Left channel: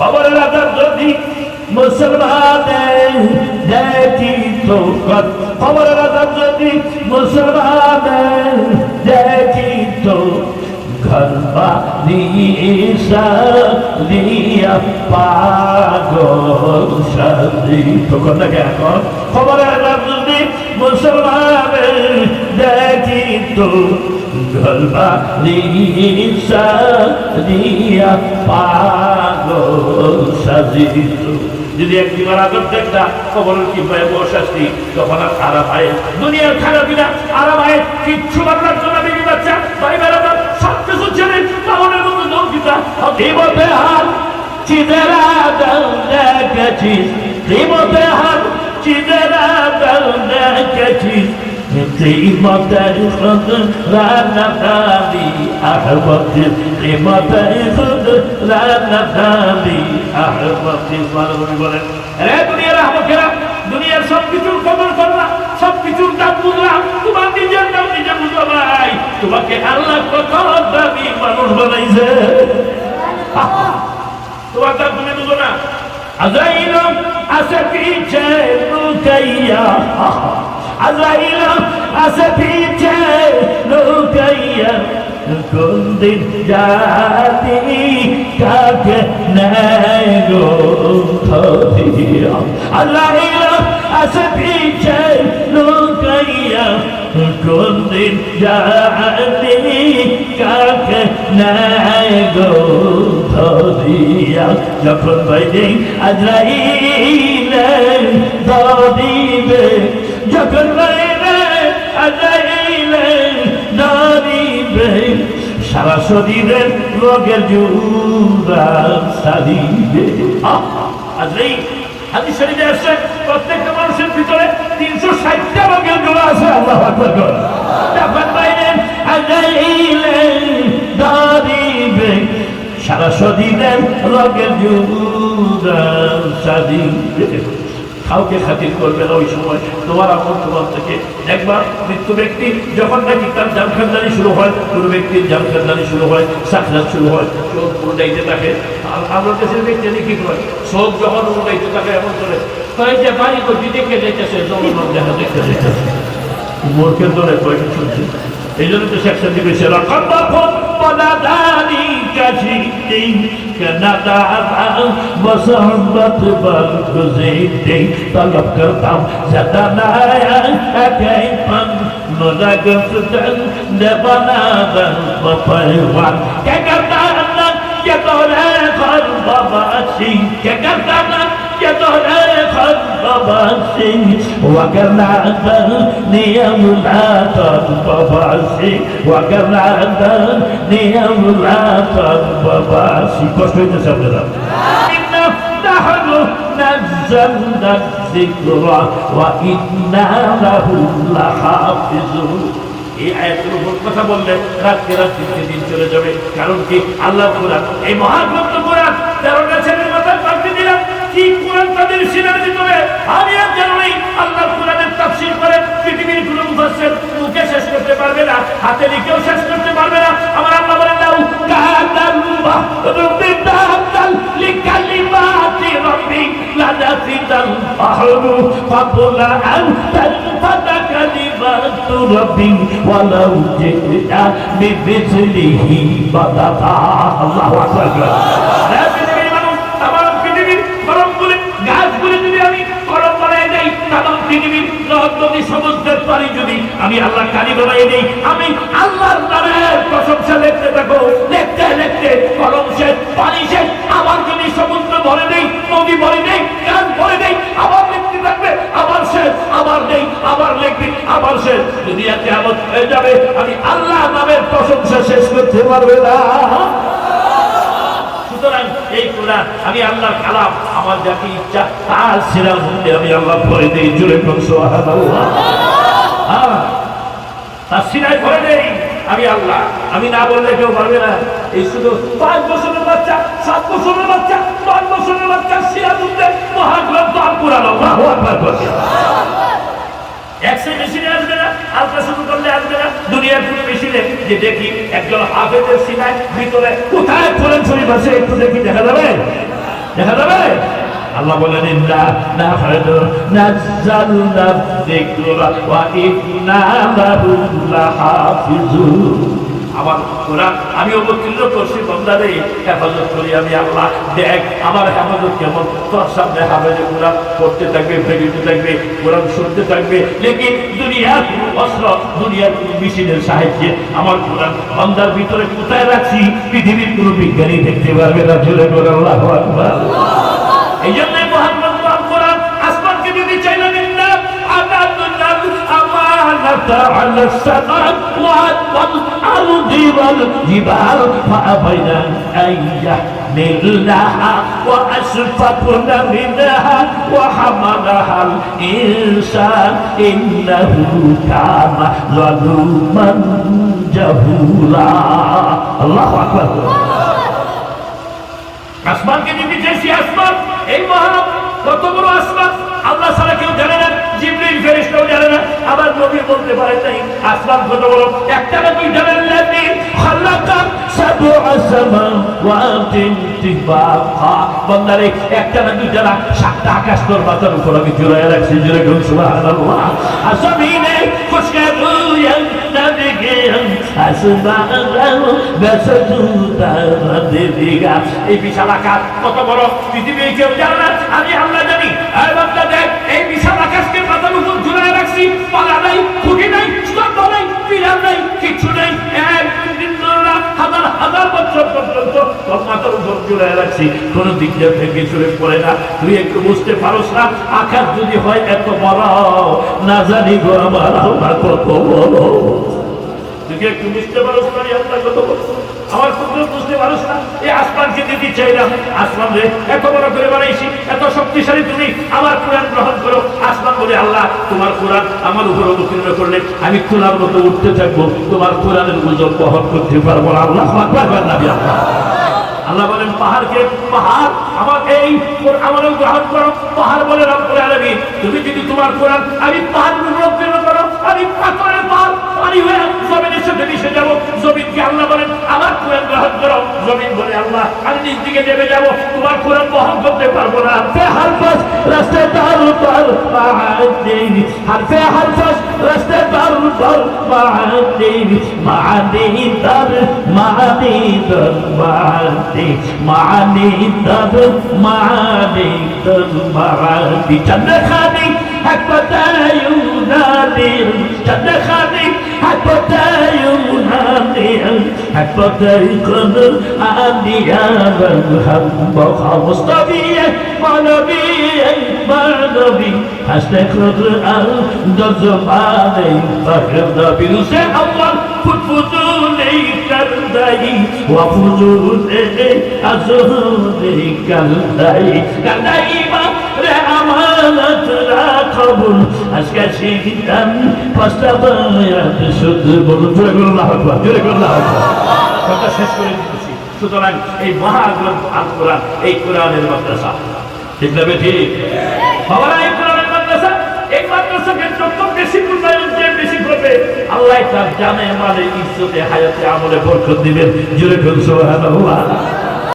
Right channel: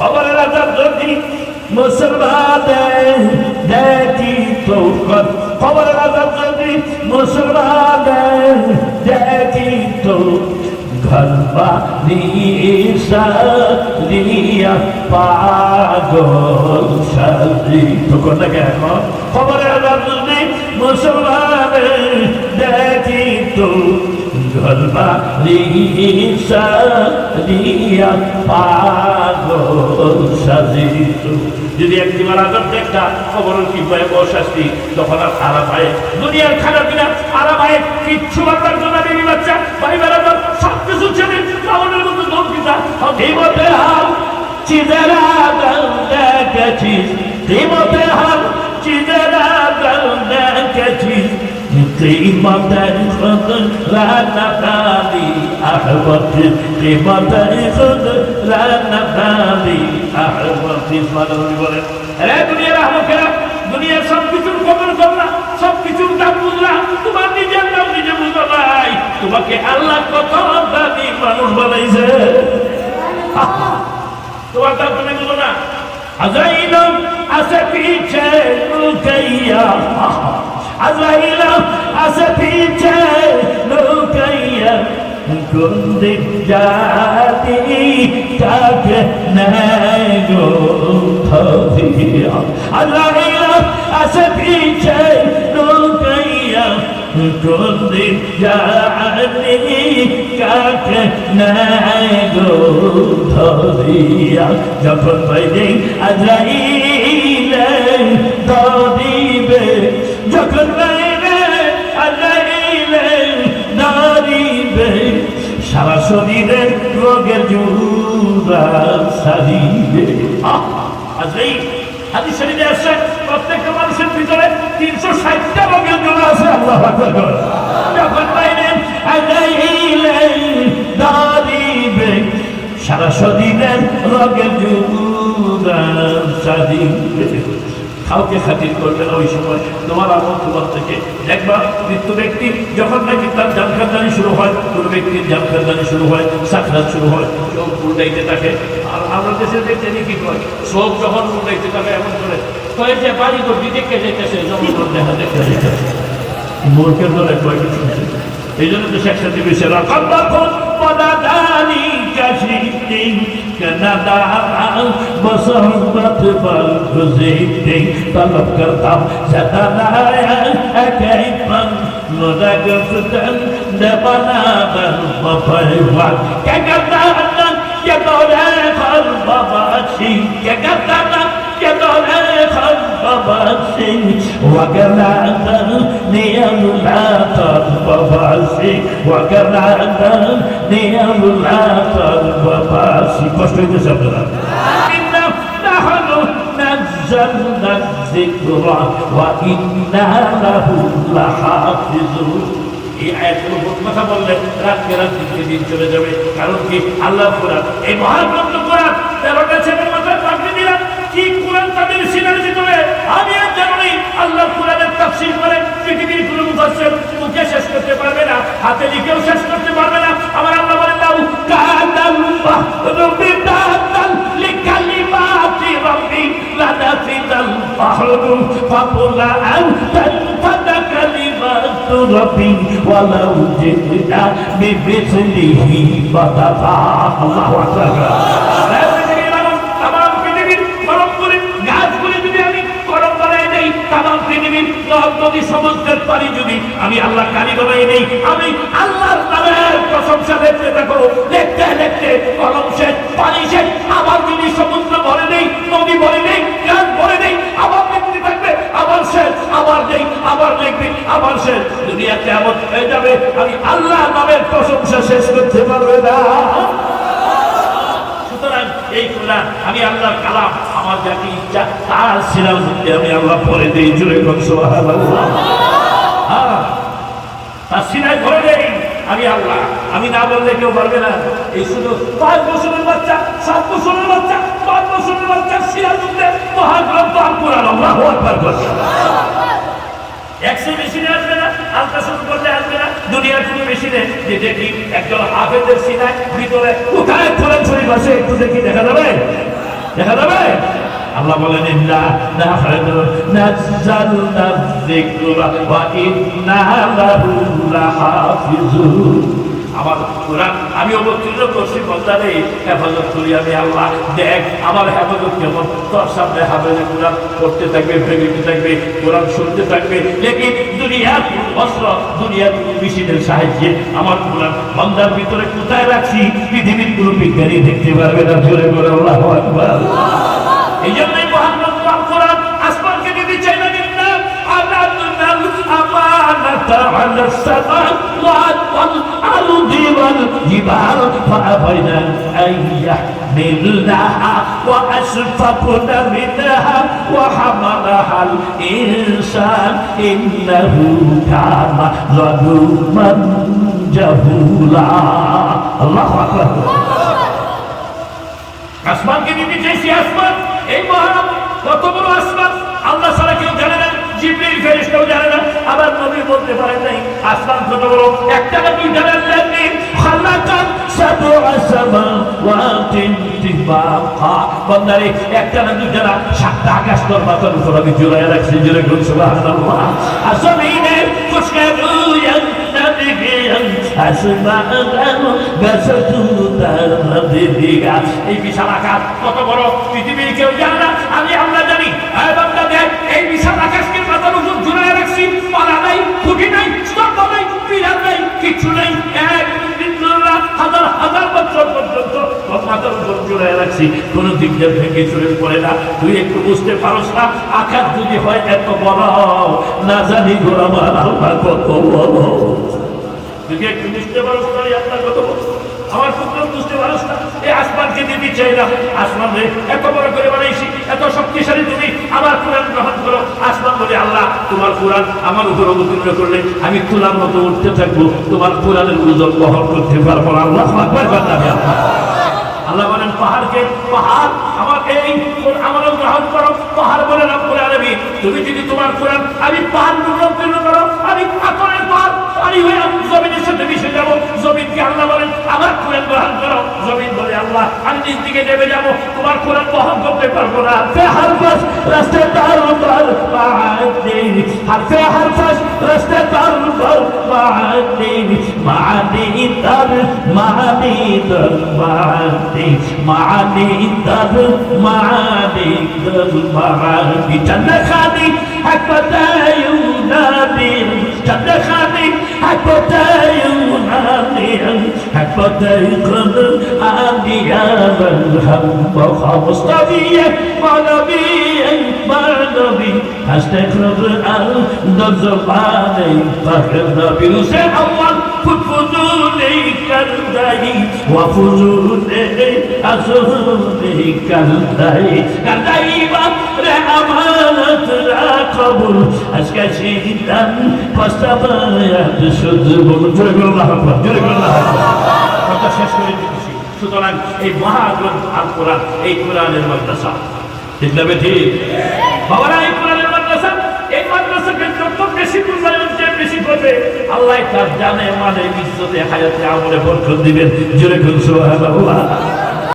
খবরের আজাদ যদি মুসলমানের দেখিত, খবরের আজাদ যদি মুসলমানের দেখিত, ঘর বানিয়া পাগল সাজিত। এখন খবরের আজাদ যদি মুসলমানের দেখিত, ঘর বানিয়া পাগল সাজিত। যদি একবার আজাদ দেখতা কবরের কি ভয়াবহ শাস্তি, তখন আর আরাম হয় দুনিয়ার খানা পিনা, আরাম হয় কিচ্ছু বাংলার জন্য বেবি বাচ্চা ভাই বেড়াতাম সবকিছু ছেড়ে লাউনের মতো দৌড় দিতা। হিমতে হাল চিদেরা দল দেখেছিস, হিমতে হাল চিদেরা দল দেখেছিস, قيمة رانا غالي أحبتي قيمة رانا غالي أحبتي দুনিয়ার আহমকেরা দুনিয়ার সবকিছুর খবর করলা, সবকিছুর দাম বুঝলা, তোমার নিজের দাম নিজে বুঝো নাই। তোমাকে আল্লাহ কত দামি মানুষ বানাইছে, তোমার দাম তুমি বুঝো না। আজাইল আছে পিছে লুকাইয়া, আজাইল আছে পিছে লুকাইয়া, কোন দিন জানি কাকে নেয় গো ধরিয়া। আজাইল আছে পিছে লুকাইয়া, কোন দিন জানি কাকে নেয় গো ধরিয়া। যখন বাইদিন আজরাইলে ধরিবে, যখন বাইবে আজরাইলে ধরিবে, সারা শরীরে রোগের জোড়া সারিবে। আজরাইল হাদিস শরীফে আছে প্রত্যেকটা মানুষের ভিতরে 360টা রোগের জোড়া আছে। আল্লাহু আকবার। যখন বাইবেন আজরাইলে ধরিবে, সারা শরীরের রোগের জোড়া সারিবে। কাউকে খাতির করবে না ওই সময়, তোমার আমল তোমার থেকে। দেখবা মৃত্যু ব্যক্তি যখন নাকি তার জানখানদানি শুরু হয়, কোনো ব্যক্তির জানখানদানি শুরু হয়, সাকরাত শুরু হয়, চোখ উড়াইতে থাকে। আর আমরা দেশের ব্যক্তি কি হয়, চোখ যখন উড়াইতে থাকে এমন করে কয়ে যে বাড়ি করবি দেখে যেতেছে, জনগণ দেখা দেখতে যেতেছে, মূর্খের দলে কয়েকটি শুনছে। এই জন্য তো শেখ সাথী বেশি রাখাম পদাদানি কাশিতে কনাদা বসহবত বলগুজিতে তলব করতাম জাদানায়া একাই পম মুদাগফতন দেবনাবন বফরওয়াল কে করতা কে তোরে ফর বাবাসি, কে করতা কে তোরে ফর বাবাসি, ওয়াগনাদা নিয়ামুলাত বাবাসি, ওয়াগনাদা নিয়ামুলাত বাবাসি। কষ্ট হইতেছে আপনারা। নাযালনা যিকরা ওয়া ইন্না লাহু লাহাফিজুন। এই আয়াতের কথা বললে রাতকে রাত দিনকে দিন চলে যাবে। কারণ কি আল্লাহ কোরআন, এই মহাগ্রন্থ কোরআন 13টা ছেলের মাথায় পাঠিয়ে দিলাম। কি কোরআন তাদের সিনার ভিতরে আমি আর জানি। আল্লাহ কোরআনের তাফসীর করে পৃথিবীর কোনো মুফাসসির মুখে শেষ করতে পারবে না, হাতে লিখেও শেষ করতে পারবে না। আমার আল্লাহ বলেন লাউ কানাল্লাহ রুবিদাতাল লিকালিমাতি রাব্বি লানাফিদাল বাহরু ফাকুলা আনতাল কালিমাতু রাব্বি ওয়ালাউ জিনা বিমিসলিহি মাদাদা। আল্লাহু আকবার। গাছগুলি যদি আমি গরম বানাই দেই, তামাম পৃথিবীর নদ নদী সমুদ্রের পানি যদি আমি আল্লাহ কালি বানাই দেই, আমি আল্লাহর নামের প্রশংসা লিখতে থাকো, লিখতে লিখতে গরম শেষ, পানি শেষ। আবার যদি সমুদ্র ভরে দেই, নদী ভরে দেই, গাছ ভরে দেই, আবার লিখতে থাকবে, আবার শেষ, আবার দেই, আবার লিখবে, আবার শেষ। দুনিয়া কিয়ামত হয়ে যাবে, আমি আল্লাহ নামের প্রশংসা শেষ করতে পারবে না। সুতরাং এই কোরআন আমি আল্লাহর কালাম, আমার যাকে ইচ্ছা তার সিরার মধ্যে আমি আল্লাহ পড়ে দেই। জুড়ে বলুন সুবহানাল্লাহ। হ্যাঁ, তার সিরায় ভরে দেই আমি আল্লাহ। আমি না বললে কেউ পারবে না। এই শুধু 5 বছরের বাচ্চা, 7 বছরের বাচ্চা, 5 বছরের বাচ্চা সিরার মধ্যে মহাগ্রন্থ আল কোরআন। আল্লাহু আকবার। একশো মেশিনে আসবে না, আলট্রাসাউন্ড করলে আসবে না। দুনিয়ার কোনো মেশিনে যে দেখি একজন হাফেজের সিনায় ভিতরে কোথায় কোরআন শরীফ আছে একটু দেখি, দেখা যাবে? দেখা যাবে? আল্লাহ বলেন ইন্না নাহনু নাযালনা যিকরা ওয়া ইন্না লাহু লাহাফিজুন। আমার কোরআন আমি অবতীর্ণ করছি, বান্দারে হেফাজত করি আমি আল্লাহ। দেখ আমার হেফাজত কেমন, তোর সামনে হাফেজে কোরআন পড়তে থাকবে, ভেবিতে থাকবে, কোরআন শুনতে থাকবে। লেকিন দুনিয়ার কোনো অস্ত্র, দুনিয়ার কোনো মেশিনের সাহায্যে আমার কোরআন বান্দার ভিতরে কোথায় রাখছি পৃথিবীর কোনো বিজ্ঞানী দেখতে পারবে না। জোরে করে আল্লাহু আকবার। এই জন্যই মহাগ্রন্থ আল কোরআন আসমানকে দিতে চাইলেন না। على السماوات والأرض والجبال فأبين أن يحملنها وأشفقن منها وحملها الإنسان إنه كان ظلوما جهولا الله أكبر আসমানকে দিতে চাইছি। আসমান এই মহান কত বড় আসমান আল্লাহ ছাড়া কেউ জানে না, জিবরিল ফেরেশতাও জানে না, আবার নবী বলতে পারে নাই আসমান কত বড়। একটা না দুইটা না, খালাকা সাবআ সামাওয়াতিন তিবাকা। বান্দারে একটা না দুইটা না, সাতটা আকাশ তোর মাথার উপর আমি জুড়ে রাখছি। জুড়ে বলুন সুবহানাল্লাহ। আসমানে খুশকে রুয়ান নাবিগিয়ান আসমানাহু বাসাতুতা। এই বিশাল আকাশ কত বড় পৃথিবীর কেউ জানে না, আমি আল্লাহ জানি। এই বিশাল আকাশকে মাথার উপর ঝুলায় রাখছি। পালা নাই, খুঁটি নাই, স্তম্ভ নাই, পিলার নাই, কিচ্ছু নাই। হাজার হাজার বছর পর্যন্ত তোর মাথার উপর ঝুলায় রাখছি, কোন দিক দিয়ে ভেঙে চলে পড়ে না। তুই একটু বুঝতে পারোস না আকাশ যদি হয় এত বড়, না জানি গো আমার আল্লাহ কত বড়। তুই একটু বুঝতে পারোস না আল্লাহ কত বড়। আমার কুকুর বুঝতে পারোস না। এই আসমানকে দিতে চাইলাম, আসমান রে এত বড় করে বানাইছি, এত শক্তিশালী, তুমি আমার কোরআন গ্রহণ করো। আসমান বলে আল্লাহ তোমার কোরআন আমার উপর অবতীর্ণ করলে আমি তোলার মতো উঠতে থাকবো, তোমার কোরআনের ওজন বহন করতে পারবো না। আল্লাহ আল্লাহ বলেন পাহাড়কে, পাহাড় আমার এই আমার গ্রহণ করো। পাহাড় বলে রব্বুল আলামিন তুমি যদি তোমার কোরআন আমি পাহাড় অবতীর্ণ করো, আমি পাথরের পাহাড় পানি হয়ে জমিনের সাথে মিশে যাবো। জমিনকে আল্লাহ বলেন আমার কোরআন গ্রহণ করো। জমিন বলে আল্লাহ আমি নিজ দিকে নেমে যাবো, তোমার কোরআন বহন করতে পারবো না। হর বাস রাস্তা তার উপর মাআদি, হর বাস রাস্তা তার উপর মাআদি, মাআদি তার মাআদি তার মাআদি, মাআদি তার মাআদি তার মাআদি। চন্দ্রখানি হাকতা ইউনাদি, চন্দ্রখানি হাকতা ইউনাদি, হাকতা ইকদর আদিয়াল হামবা মুস্তাবিয়া মানবী মানবী আস্তাগফির আল দজবানি ফাহদাবি রুসে আওয়াল ফুটফুজুনি কারদাই ওয়া ফুজুনি আজহুরি কারদাই কারদাই বা রে আমানত রাকবুল আজকে সিদান ফাস্তাবায়াত শুধু বলতে আল্লাহু আকবার। জোরে আল্লাহু আকবার। কথা শেষ করে দিতেছি। সুতরাং এই মহাগ্রন্থ আল কোরআন, এই কোরআনের মাদ্রাসা, ঠিক না ঠিক? বাবারা এই কোরআনের মাদ্রাসা, এই মাদ্রাসাকে যত বেশি মূল্যায়ন যে বেশি করবে আল্লাহ তার জানে, মানে ইজ্জতে, হায়াতে, আমলে বরকত দিবেন। জোরে বলুন সুবহানাল্লাহ।